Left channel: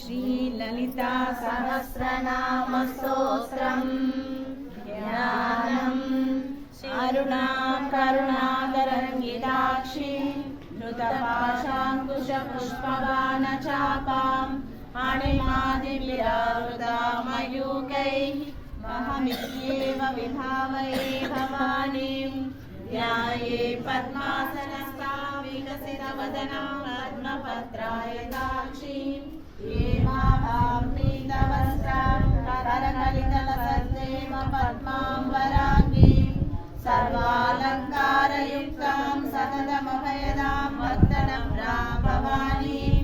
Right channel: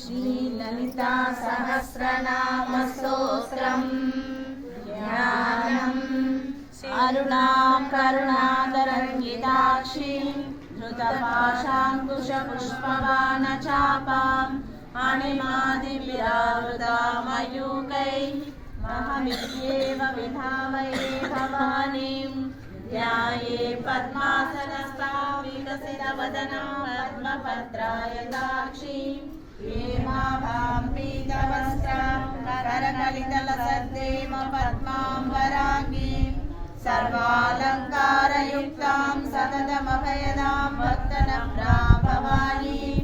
श्रीललिता सहस्रनामस्तोत्रम् ज्ञानम् अरुणां करुणातरङ्गिताक्षीं धृतपाशाङ्कुशपुष्पबाणचापाम् अणिमादिविरावृतामयूकैः अहमित्येव विधामये भवानीं ध्याये पद्मासनस्था विकसितवदनां पद्मपत्रायताक्षीं हेमाभां पीतवस्त्रां करकलितलसद्देव पद्माम्बराङ्गीं सर्वालङ्कारयुक्तां सततमभयदां भक्तनम्रां भवानीं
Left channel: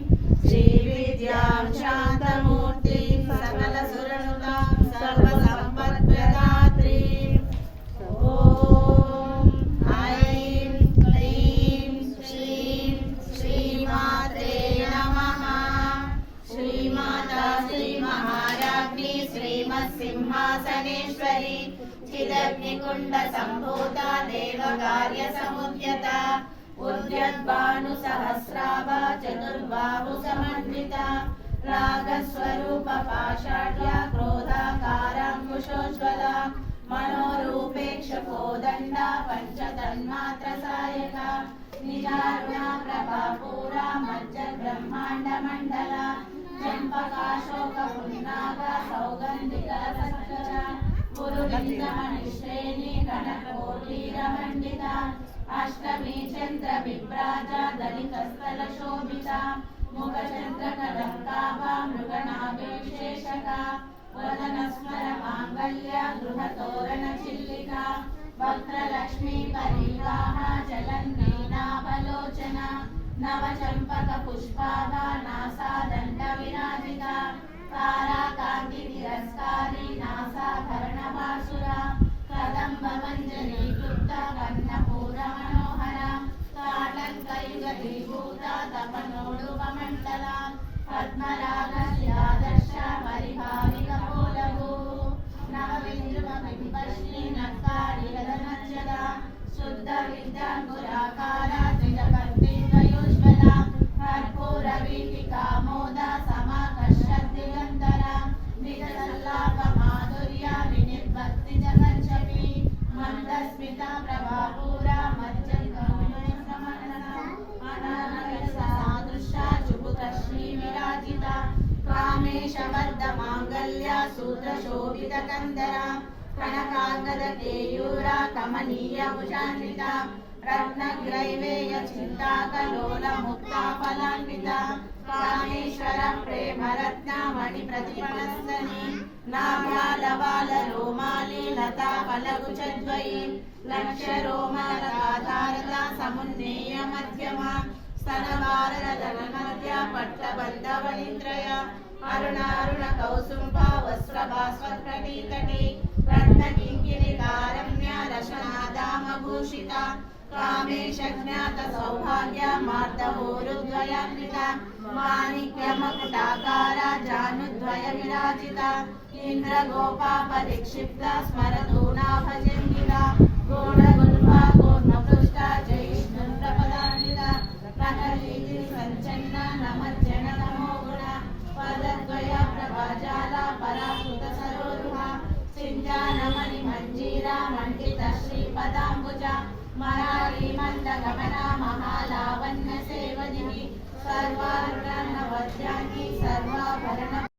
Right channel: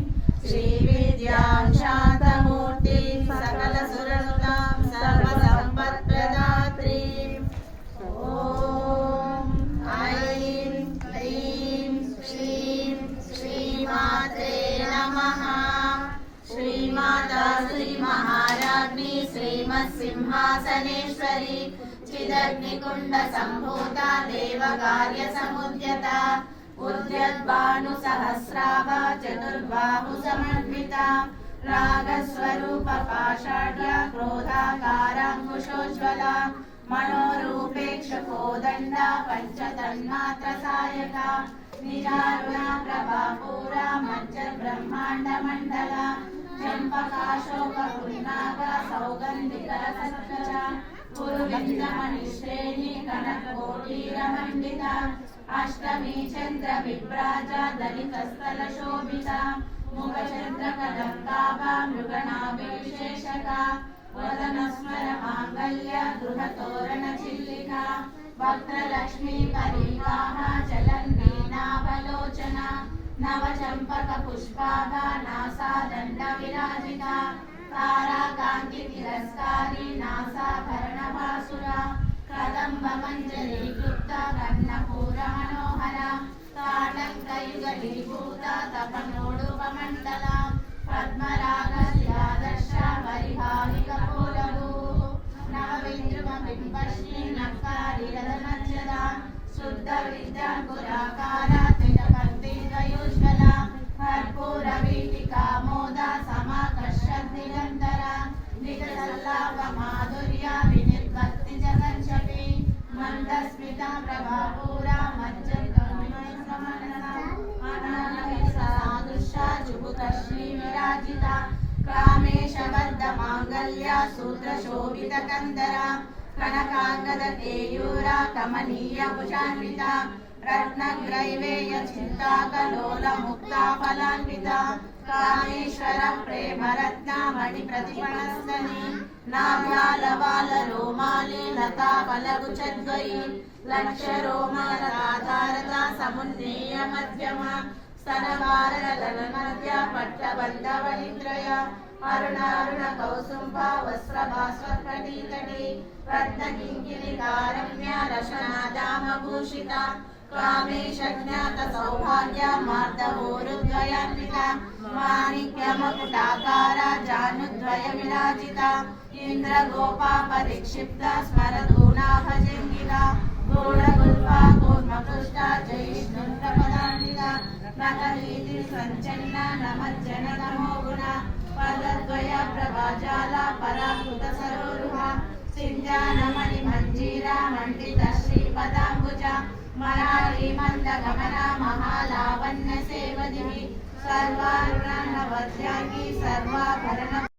श्रीविद्यां शान्तमूर्तिं सकलसुरनुतां सर्वसम्पत्प्रदात्रीं ॐ ऐं क्लीं श्रीं श्रीमात्रे नमः। श्रीमाता श्रीमहाराज्ञी श्रीमत्सिंहासनेश्वरी चिदग्निकुण्डसम्भूता देवकार्यसमुद्यता उद्यद्भानुसहस्राभा चतुर्बाहुसमन्विता रागस्वरूपपाषाढ्या क्रोधाकाराङ्कुशोज्ज्वला मनोरूपेक्षकोदण्डा पञ्चतन्मात्रसायका निजारुणा प्रभापूरा मज्जब्रह्माण्डमण्डला चम्पकाशोकपुन्नागा सौगन्धिकरसत्कचा पुरुलिङ्गमणिश्रेणी कनककोटीरमण्डिता अष्टमी चन्द्रविभ्राजा दलितस्थलशोभिता मुखचन्द्रकलङ्काभा मृगणाभिषेशका वदनस्मरमाङ्गल्या गृहतोरणचिल्लिका वक्त्रलक्ष्मी परिवाहा जलन्मीनाभलोचना नवचम्पकपुष्पाभा नासादण्डविराजिता ताराकान्तितिरस्कारी नासाभरणभासुरा कदम्बमञ्जरीकृता कर्णपूरमनोहरा ताटङ्कयुगलीभूता तपनोडुपमण्डला पद्मरागशिलादर्शा परिभाविकपोलभू नवविद्रुमबिम्बश्री नक्कारिरदनज्जदा शुद्धविद्याङ्कुराकारा त्रिजपर्तिद्वयोज्ज्वला कर्पूरवीटिकामोदा समाकर्षद्दिगन्तरा निजसल्लापमाधुर्या विनिर्भक्तिजगञ्जपि मन्दस्मिता प्रभापूरा मज्जन्कमनसा अनानयसादृशा चुबुकश्रीविराजिता कामेशबद्धमाङ्गल्या सूत्रशोभितकन्दरा कनकाङ्गदकेयूरा कमनीयभुजान्विता रत्नग्रैवेयचिन्ताकलोलमुक्ता फलान्विता कामेश्वर प्रेमरत्नामणिप्रतिपणस्तनी नाभालवालरोमाली लता फलगुचद्वयी लक्ष्यरोमलताधारता समुन्नीय मध्यमा स्तनभारदलनमध्या पट्टबन्धवनित्रया अरुणारुणकौसुम्भा वस्त्रभास्वत्कटीतटी रत्नकिङ्किणिकारम्या रशनादामभूषिता कामेशज्ञातसौभाग्या मार्दवोरुद्वयान्विता माणिक्यमकुटाकारा जानुद्वयविराजिता इन्द्रगोपापरिक्षिप्ता स्मरतूनाभजङ्गिका गूढगुल्फा कूर्मकृष्टा जयिष्णुप्रपदान्विता प्रकटीतिसञ्चन्ना नमज्जनतमोगुणा पदद्वया प्रभाजाला पराकृतसरोरुहा सिञ्जानमणिमञ्जीरा मण्डितश्रीपदाम्बुजा मरारीमन्दगमना महालावण्यसेवदिः सर्वारुणनवद्याङ्गी सर्वाभर